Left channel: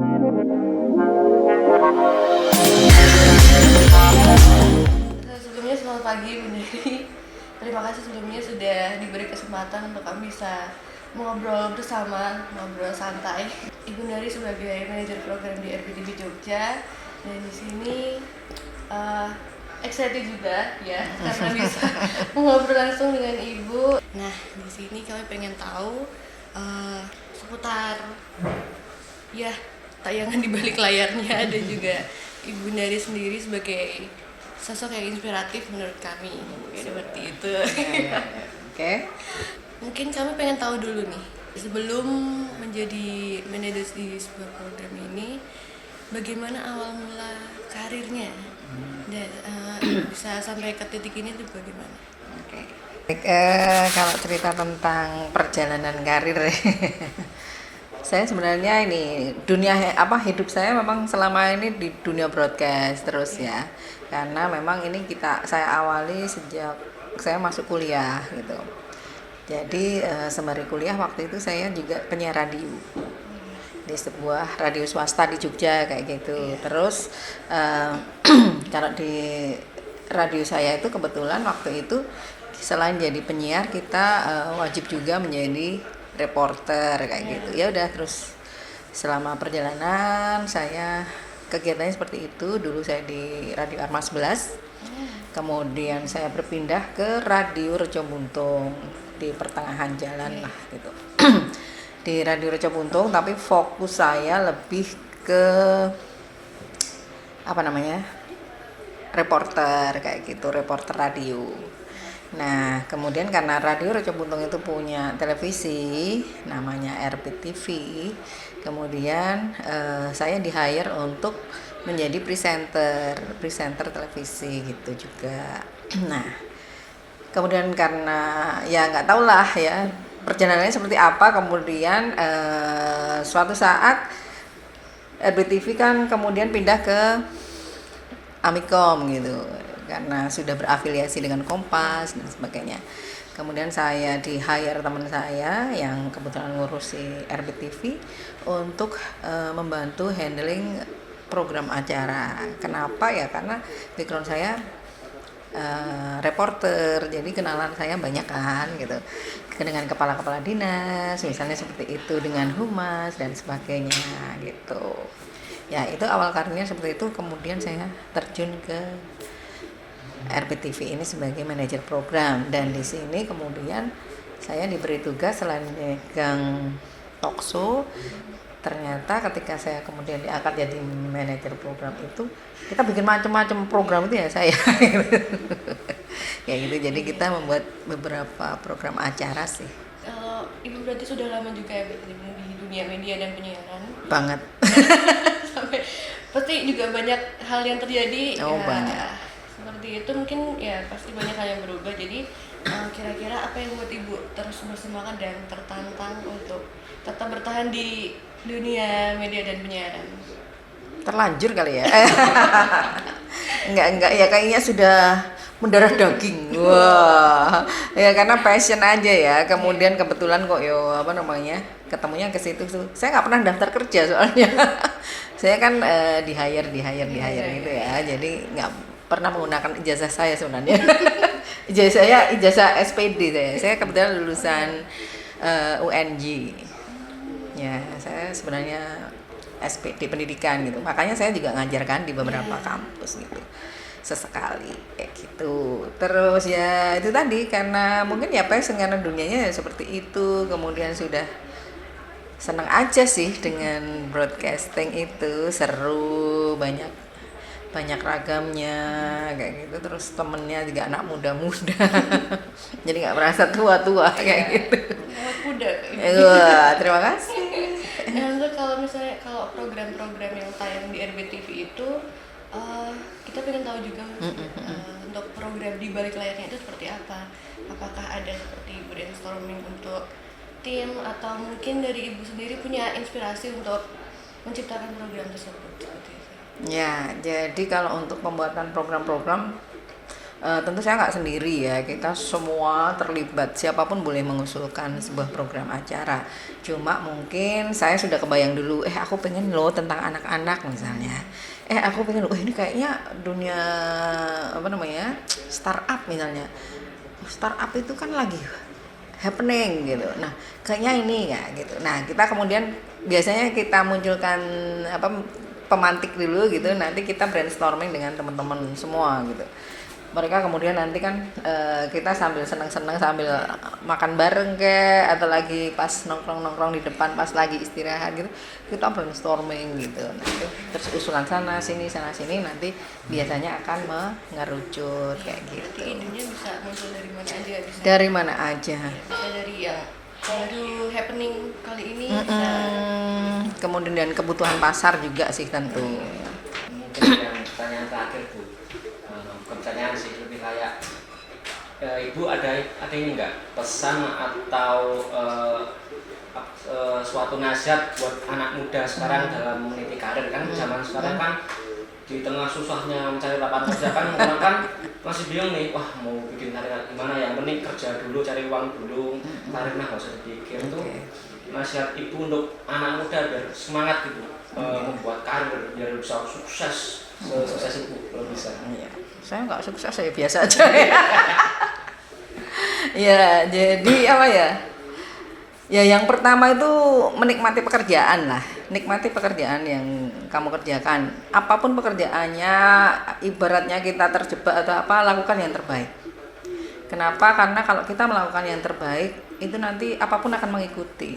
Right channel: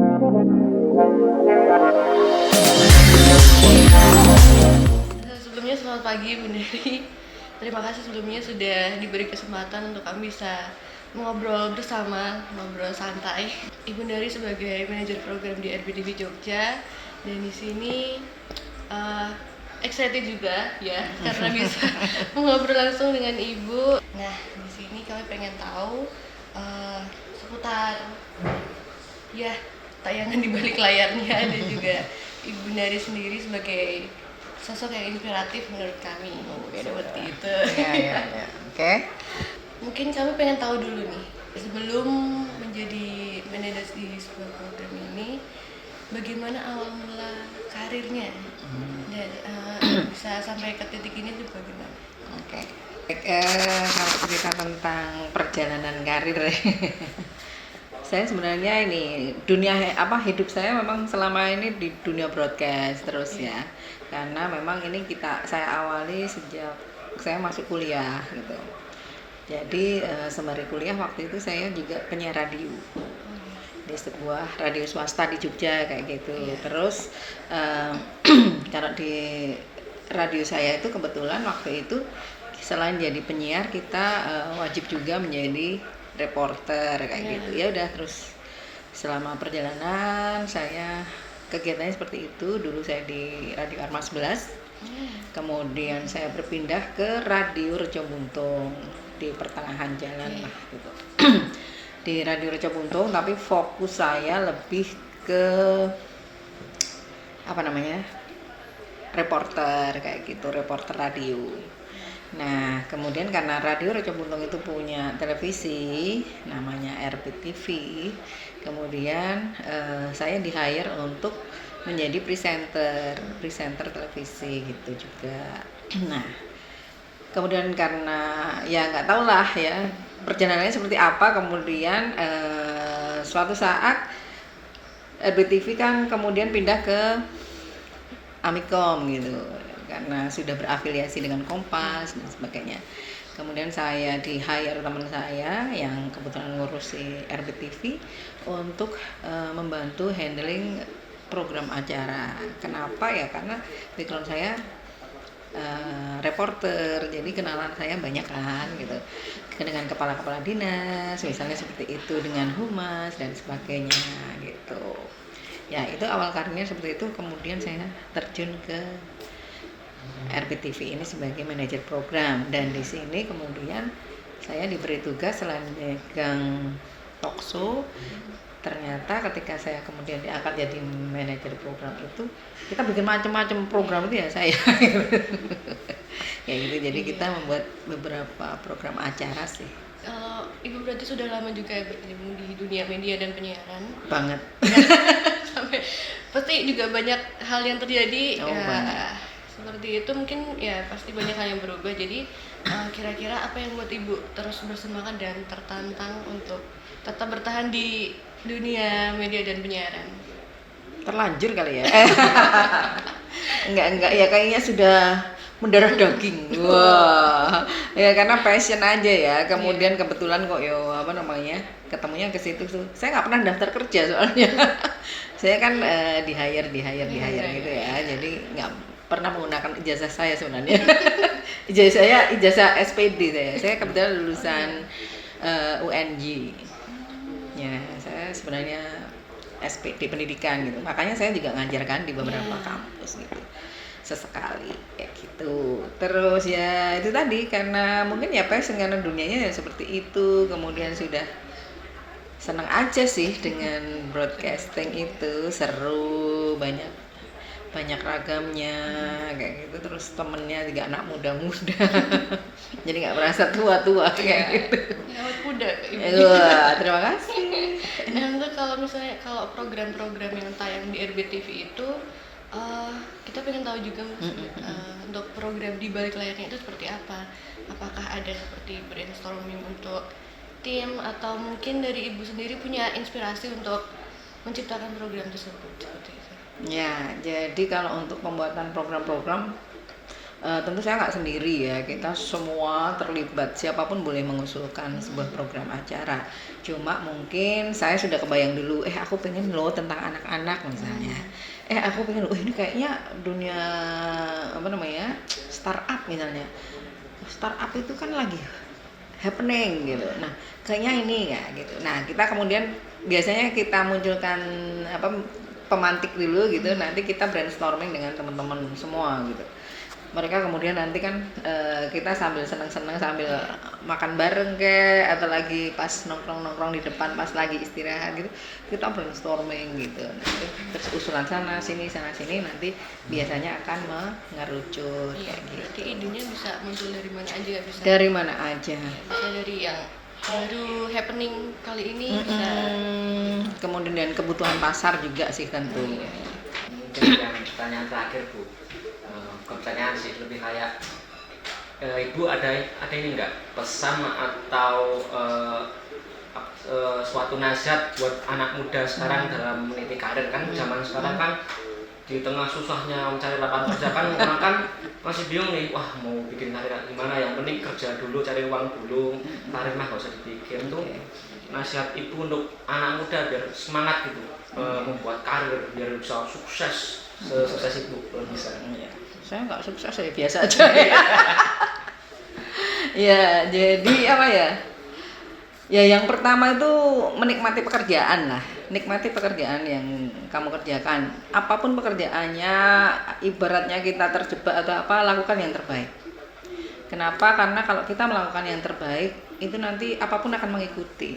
Sebelumnya selamat pagi Bu Neri. Terima kasih sebelumnya sudah diberi kesempatan untuk kami bisa ngobrol bersama, ngobrol santai. Ibu Neri sebagai manajer program di RBTV Jogja, dan di sini uh, excited juga ya karena bisa ngobrol langsung dengan Ibu. Nah, di sini kami pengen tahu seputar ya tayangan di balik layarnya dan juga Ibu Neri sendiri sebagai sosok yang inspiratif menurut kami seperti itu. Ya. Oke. Mungkin kami pengen tahu dulu nih, sebelum menjadi manajer di sebuah program ini, bagaimana awal mula karirnya dan bisa sampai ke titik ini tuh bagaimana? Oke. Kalau cerita tentang perjalanan karir, saya sebenarnya ini hidup saya memang selama ini di dunia broadcast terus ya, karena memang ini saya awali sejak saya masuk kuliah gitu. Jadi sembari kuliah waktu itu saya juga penyiar radio di sebuah radio swasta di Jogja kayak gitu. Terus kalau di radio saya itu kebetulan waktu itu selain jadi penyiar kita wajib juga menjadi reporter kayak gitu. Ya udah, terus selama perjalanan saya kegiatannya seperti itu. Dulu saya di Radio Arma 11, kemudian saya berpindah ke Radio Rejo Buntung di pertengahan jalan lah gitu. Di Radio Rejo Buntung, tapi fokus saya lebih ke reporter kayak gitu, reporter radio. Nah, kemudian karena Radio Rejo Buntung itu punya televisi namanya RBTV, kemudian saya di-hire untuk menjadi presenter televisi gitu juga. Nah, kemudian karena ya nggak tahu lah ya perjalanannya seperti apa, kemudian suatu saat RBTV kan kemudian pindah ke Amikom gitu, karena sudah berafiliasi dengan Kompas dan sebagainya. Kemudian saya di-hire teman saya yang kebetulan ngurusi RBTV untuk membantu handling program acara. Kenapa ya? Karena background saya reporter, jadi kenalan saya banyak kan gitu, dengan kepala-kepala dinas misalnya seperti itu, dengan humas dan sebagainya gitu. Ya itu awal karirnya seperti itu. Kemudian saya terjun ke RBTV ini sebagai manajer program, dan di sini kemudian saya diberi tugas selain megang talkshow, ternyata ketika saya kemudian diangkat jadi manajer program itu kita bikin macam-macam program itu ya saya ya gitu. Jadi kita membuat beberapa program acara sih. Ibu berarti sudah lama juga ya berkecimpung di dunia media dan penyiaran Banget. sampai pasti juga banyak hal yang terjadi Banget. seperti itu. Mungkin ya pasti banyak hal yang berubah. Jadi kira-kira apa yang buat Ibu terus bersemangat dan tertantang untuk tetap bertahan di dunia media dan penyiaran? Terlanjur kali ya. enggak ya, kayaknya sudah mendarah daging. Wah, ya karena passion aja ya. Kemudian kebetulan kok ketemunya ke situ tuh. Saya nggak pernah daftar kerja soalnya. Saya kan di hire gitu ya. Jadi nggak pernah menggunakan ijazah saya sebenarnya. ijazah SPD saya. Saya kebetulan lulusan UNJ. Ya, saya sebenarnya SPD pendidikan gitu. Makanya saya juga ngajarkan di beberapa kampus gitu. Sesekali kayak gitu. Terus ya itu tadi, karena mungkin ya passion, karena dunianya ya seperti itu. Kemudian sudah senang aja sih dengan broadcasting itu, seru, banyak ragamnya kayak gitu. Terus temennya juga anak muda-muda jadi nggak merasa tua-tua kayak gitu. Anak muda. Terima kasih. Enggak, kalau program-program yang tayang di RBTV itu kita pengen tahu juga untuk program di balik layarnya itu seperti apa. Apakah ada seperti brainstorming untuk tim, atau mungkin dari Ibu sendiri punya inspirasi untuk menciptakan program tersebut seperti itu? Ya, jadi kalau untuk pembuatan program-program Tentu saya nggak sendiri ya, kita semua terlibat, siapapun boleh mengusulkan sebuah program acara. Cuma mungkin saya sudah kebayang dulu, aku pengen loh tentang anak-anak misalnya. Aku pengen loh, ini kayaknya dunia apa namanya startup misalnya. Startup itu kan lagi happening gitu. Nah, kayaknya ini ya gitu. Nah, kita kemudian biasanya kita munculkan pemantik dulu gitu. Nanti kita brainstorming dengan teman-teman semua gitu. Mereka kemudian nanti kan kita sambil senang-senang sambil makan bareng atau lagi pas nongkrong-nongkrong di depan pas lagi istirahat gitu, kita brainstorming gitu. Terus usulan sana sini nanti biasanya akan mengerucut kayak gitu. Berarti idenya bisa muncul dari mana aja ya, bisa Dari mana aja. bisa dari yang baru happening kali ini bisa. Kemudian dan kebutuhan pasar juga sih tentu. Mungkin yang pertanyaan terakhir Bu, pertanyaan sih lebih kayak Ibu ada ini nggak pesan atau suatu nasihat buat anak muda sekarang dalam meniti karir? Kan zaman sekarang kan di tengah susahnya mencari lapangan kerja kan orang kan masih bingung nih, wah mau bikin karir gimana ya, mending kerja dulu cari uang dulu, karir mah gak usah dipikir. Tuh nasihat Ibu untuk anak muda biar semangat gitu membuat karir biar bisa sukses sukses Ibu kalau bisa. Saya nggak sukses, saya biasa aja. Ya, jadi apa ya? Ya yang pertama itu menikmati pekerjaan lah. Nikmati pekerjaan yang kamu kerjakan. Apapun pekerjaannya, ibaratnya kita terjebak atau apa, lakukan yang terbaik. Kenapa? Karena kalau kita melakukan yang terbaik, itu nanti apapun akan mengikuti.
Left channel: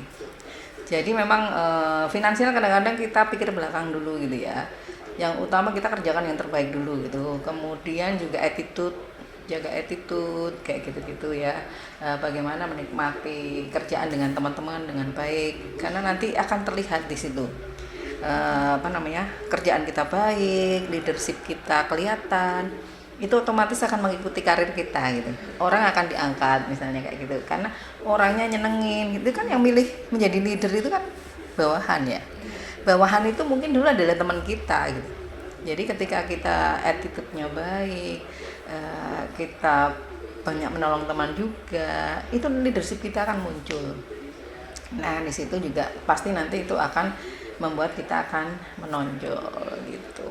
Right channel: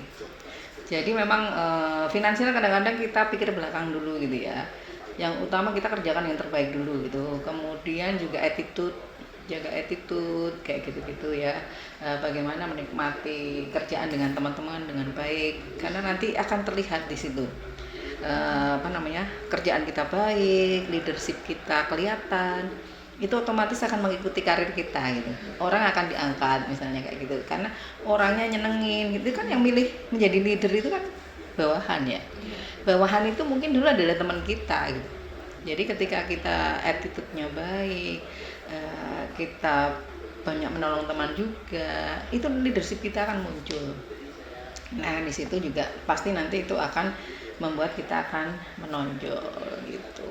Jadi memang finansial kadang-kadang kita pikir belakang dulu gitu ya. Yang utama kita kerjakan yang terbaik dulu gitu. Kemudian juga attitude, jaga attitude kayak gitu-gitu ya. Bagaimana menikmati kerjaan dengan teman-teman dengan baik, karena nanti akan terlihat di situ kerjaan kita baik, leadership kita kelihatan, itu otomatis akan mengikuti karir kita gitu. Orang akan diangkat misalnya kayak gitu, karena orangnya nyenengin. Itu kan yang milih menjadi leader itu kan bawahan ya. Bawahan itu mungkin dulu adalah teman kita gitu. Jadi ketika kita attitude-nya baik, kita banyak menolong teman juga, itu leadership kita akan muncul. Nah di situ juga pasti nanti itu akan membuat kita akan menonjol gitu.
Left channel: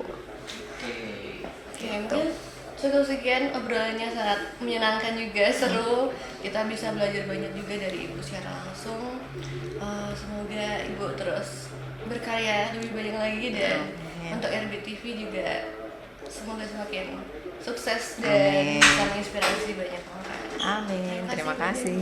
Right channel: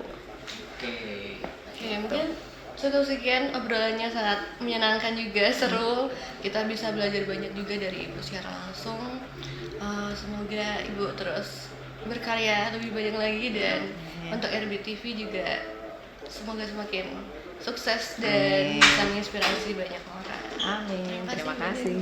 Oke, mungkin cukup sekian, obrolannya sangat menyenangkan juga, seru. Kita bisa belajar banyak juga dari Ibu secara langsung. Semoga Ibu terus berkarya lebih banyak lagi, dan untuk RBTV juga semoga semakin sukses dan bisa menginspirasi banyak orang. Amin. Terima kasih.